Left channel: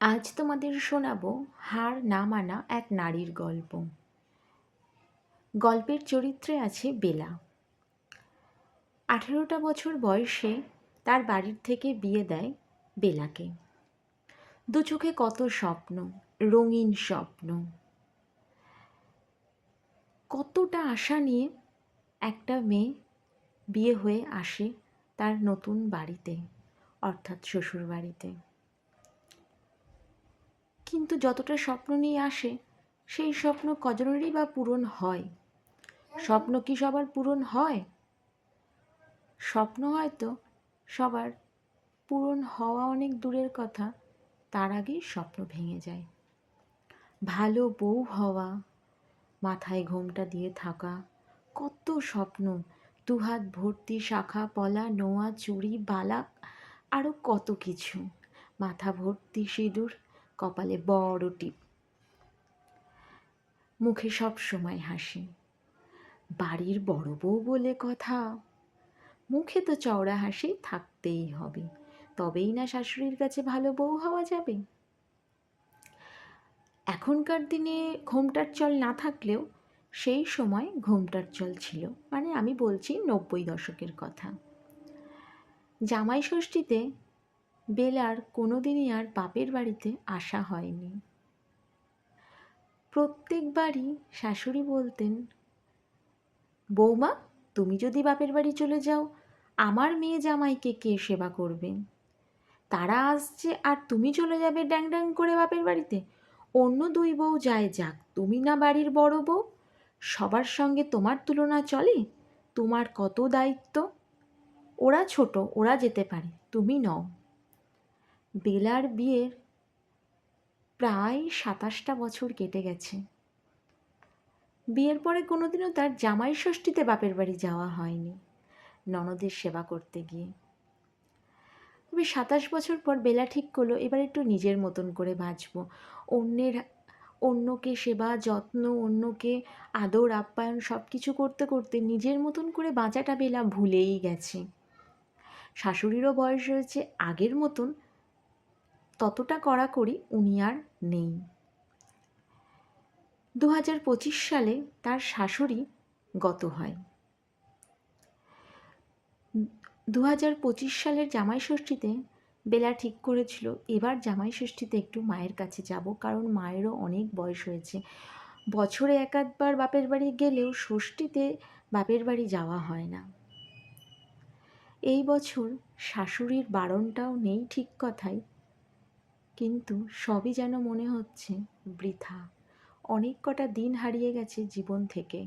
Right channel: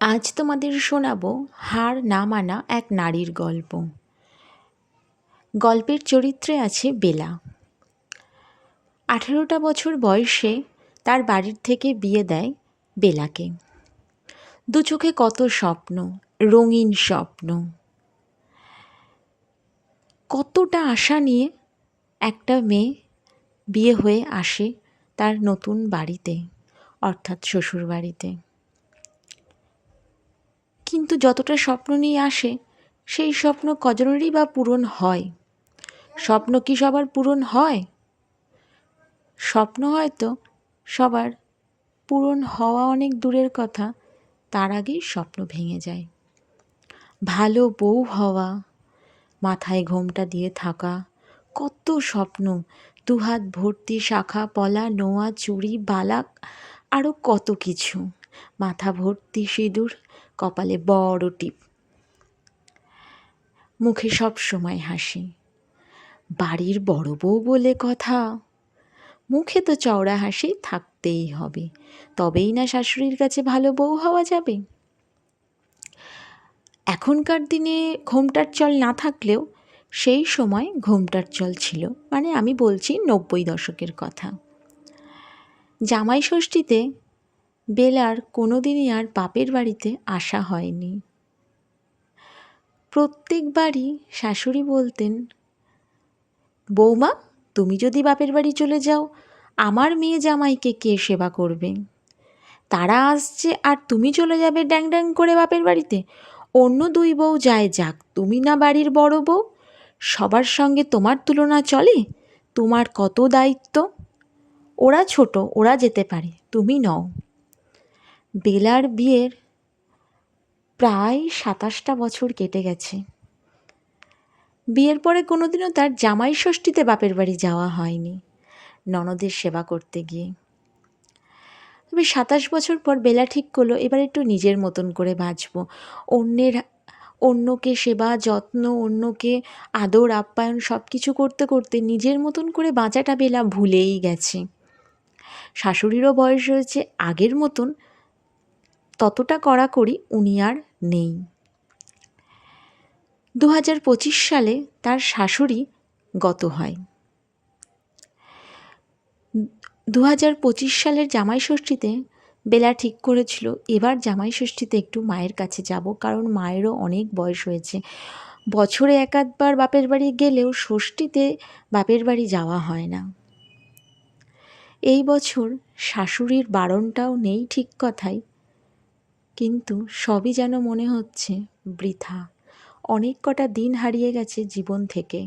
আজ তোমাদের শোনাবো হার না মানা এক নারীর গল্প। গল্পের চরিত্রে আছে বেলা। আঠেরোটা বছর বয়সে তার বাড়ির থেকে বিয়ে দেয় বেলাকে। দু চোখে কত স্বপ্ন, রঙিন স্বপ্ন। কতটা আশা নিয়ে একটা মেয়ে বিয়ে হয়ে আসে তার নতুন বাড়িতে, অর্থাৎ শ্বশুর বাড়িতে কিন্তু যতটা স্বপ্ন নিয়ে আসে, সেই স্বপ্ন কজনেরই বা পূরণ হয়। স্বপ্ন কি সবার পূরণ হয়? স্বপ্ন হয়তো সবার পূরণ হওয়া অনেক দূরের কথা, তার আগেই স্বপ্ন ভেঙে যায়। ভালো বউ হওয়া, মাথায় ঘোমটা দিয়ে থাকা, কত স্বপ্ন, দুহাত ভর্তি শাখা, পলা, নোয়া, চুড়ি, বালাক আরও কত কিছু। মাথা ভর্তি সিঁদুর, কপালে বড় টিপ। মুখে সব সময় হাসি। বাড়ির বড় বউ বলে কথা। মুখে তো চওড়া হাসি থাকতেই হবে। তবেই না শাশুড়ির কাছে ভালো বউ হওয়া যাবে। এখনকার দিনে ঘোমটার চল না থাকলেও সেই সময় ঘোমটার চল ছিল। মানে আমি বলছি নব্বই দশকের কথা। জামাই ষষ্ঠীতে বেলার কোনো দিনই আর বাপের বাড়িতে আসা হয়নি। প্রত্যেকবারই শাশুড়ি বলতেন, বৌমা, তুমি যদি বাপের বাড়ি চলে যাও, আমার মেয়ে জামাইকে কে সেবা করবে? তারা আসছে আর তুমি চলে যাবে ড্যাং ড্যাং করে বাপের বাড়িতে। অন্য দুই বউ যায় যাক, তুমি না বাড়ির বড় বউ, সবার সঙ্গে তোমার তুলনা চলে? তোমার কত দায়িত্ব? ওরা ছোট, ওরা যেতে পারে, তুমি নও। বেলার বিয়ের প্রায় সাতাশটা বছর কেটে গেছে। বিয়ের পরে কোনোদিনও তার জামাই ষষ্ঠীতে বাপের বাড়ি যাওয়া হয়নি, ননদের সেবা করতে গিয়ে। তবে সাতাশ বছর পর বেলা ঠিক করল, এবার একটু নিজের মতন করে বাঁচব। অন্যের, অন্যকে সেবা, যত্ন, অন্যকে আদর, আপ্যায়ন সব কিছু করতে করতে নিজের মতন করে বাঁচাটা বেলা ভুলেই গেছে। শাশুড়িরও বয়স হয়েছে, আগের মতন ততটা কড়াকড়ি উনি আর নেই। দু হাজার পঁচিশ সালে তার শাশুড়ি গত হয়। দু হাজার পঁচিশ সালের জামাই ষষ্ঠীতে বেলা ঠিক করেছিল। এবার জামাই ষষ্ঠীতে একটু মায়ের কাছে যাব, কারণ মায়েরও অনেক বয়স হয়েছে। বছরে এক আধবার বাপের বাড়ি গেলেও ষষ্ঠীতে বাপের বাড়ি যাওয়া হয় না। এই বছর শাশুড়ির বারণটাও নেই ঠিক কথাই কিন্তু সবই যেন মনে হচ্ছে বৃথা। অনেক কটা দিন হারিয়ে গেছে জীবন থেকে।